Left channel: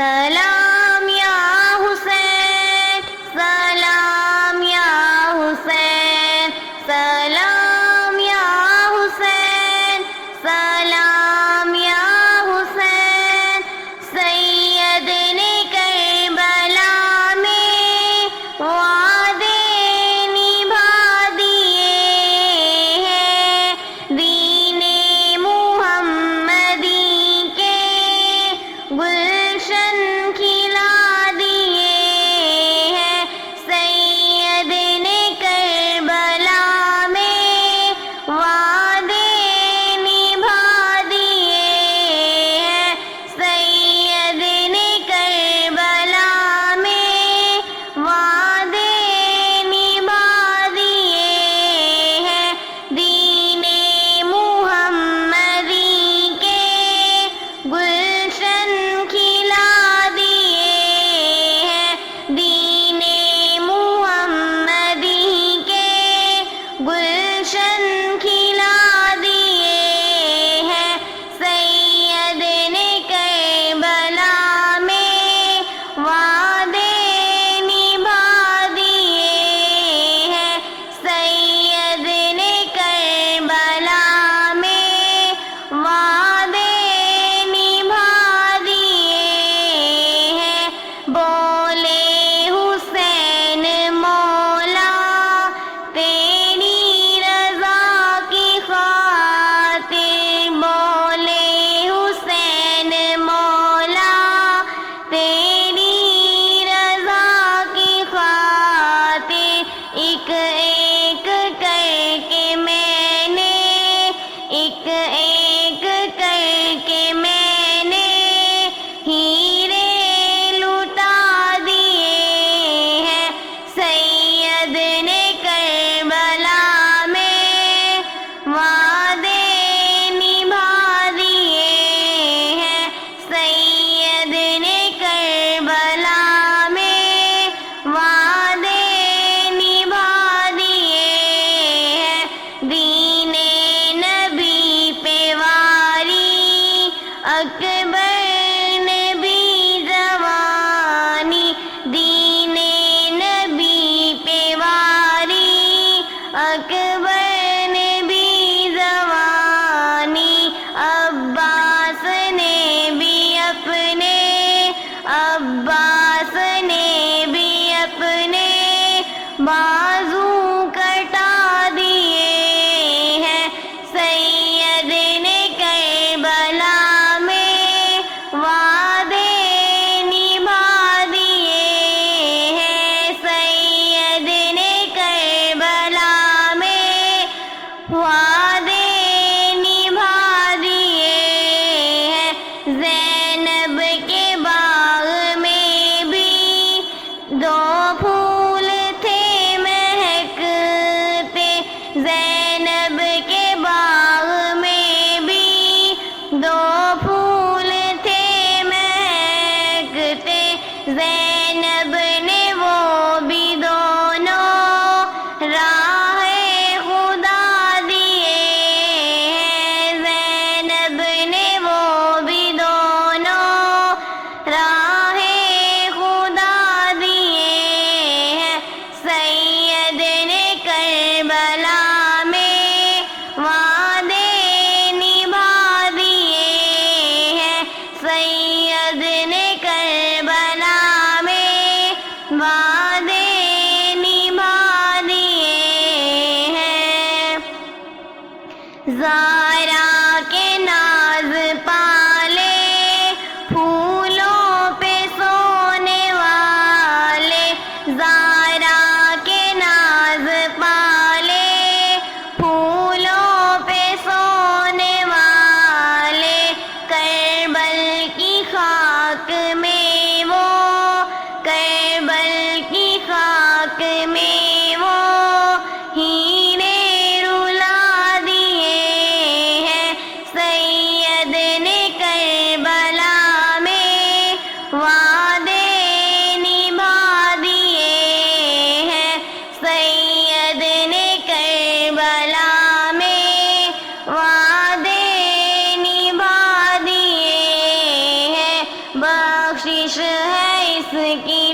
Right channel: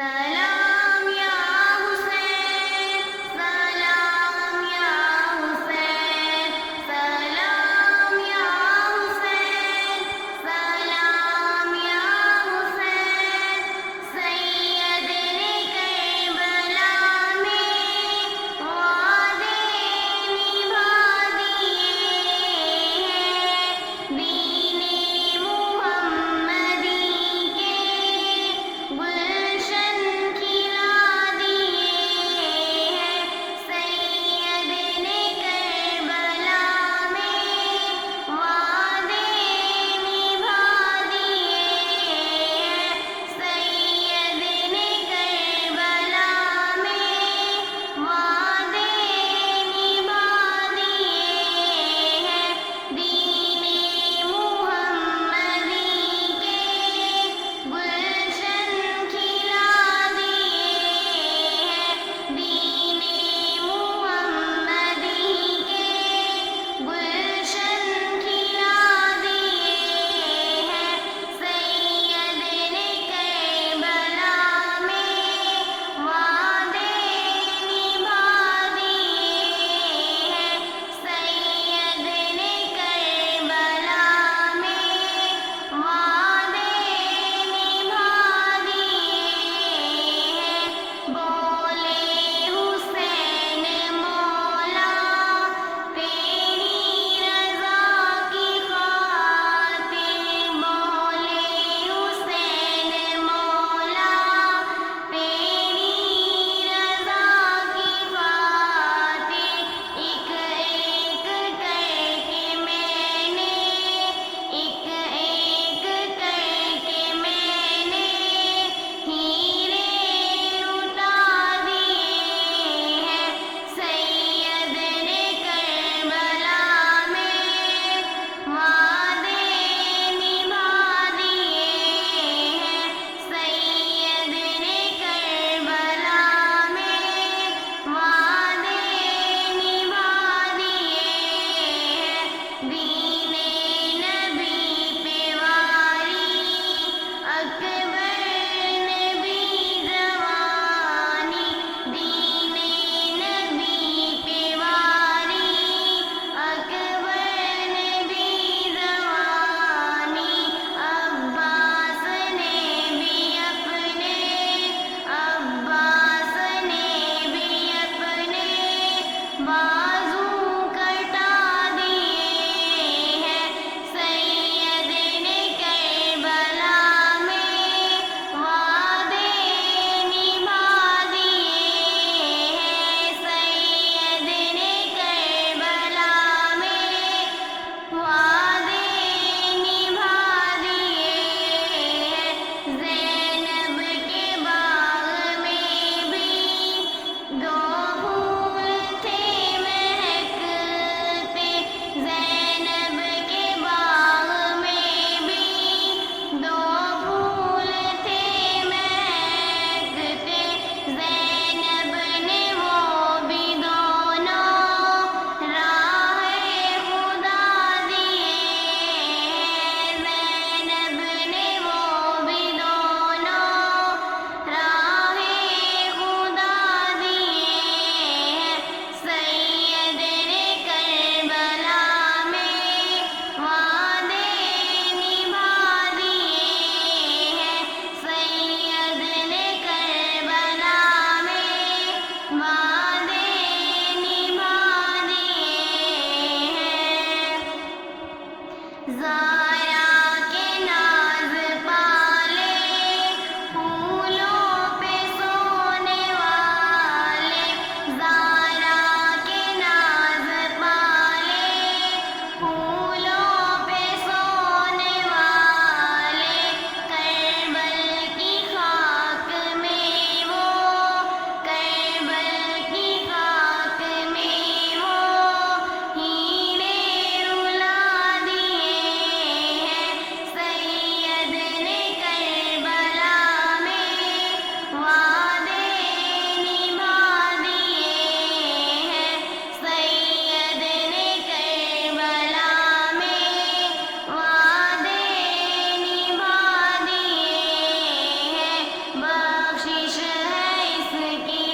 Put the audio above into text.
سلام یا حسین، سلام یا حسین، سلام یا حسین، سلام یا حسین، سید نے کربلا میں وعدے نبھا دیے ہیں، دین محمدی کے گلشن کھلا دیے ہیں، سید نے کربلا میں وعدے نبھا دیے ہیں، سید نے کربلا میں وعدے نبھا دیے ہیں، دین محمدی کے گلشن کھلا دیے ہیں، دین محمدی کے گلشن کھلا دیے ہیں، سید نے کربلا میں وعدے نبھا دیے ہیں، سید نے کربلا میں وعدے نبھا دیے ہیں، بولے حسین مولا تیری رضا کی خاطر، بولے حسین مولا تیری رضا کی خاطر، ایک ایک کر کے میں نے، ایک ایک کر کے میں نے ہیرے لٹا دیے ہیں، سید نے کربلا میں وعدے نبھا دیے ہیں، سید نے کربلا میں وعدے نبھا دیے ہیں، دین نبی پہ واری اکبر نے بھی زوانی، دین نبی پہ واری اکبر نے بھی زوانی، عباس نے بھی اپنے، عباس نے بھی اپنے بازو کٹا دیے ہیں، سید نے کربلا میں وعدے نبھا دیے ہیں، سید نے کربلا میں وعدے نبھا دیے ہیں، زینب کے باغ میں بھی دو پھول تھے مہکتے، زینب کے باغ میں بھی دو پھول تھے مہکتے، زینب نے وہ بھی دونوں راہ خدا دیے ہیں، زینب نے وہ بھی دونوں راہ خدا دیے ہیں، سید نے کربلا میں وعدے نبھا دیے ہیں، سید نے کربلا میں کوشش ہے اس کی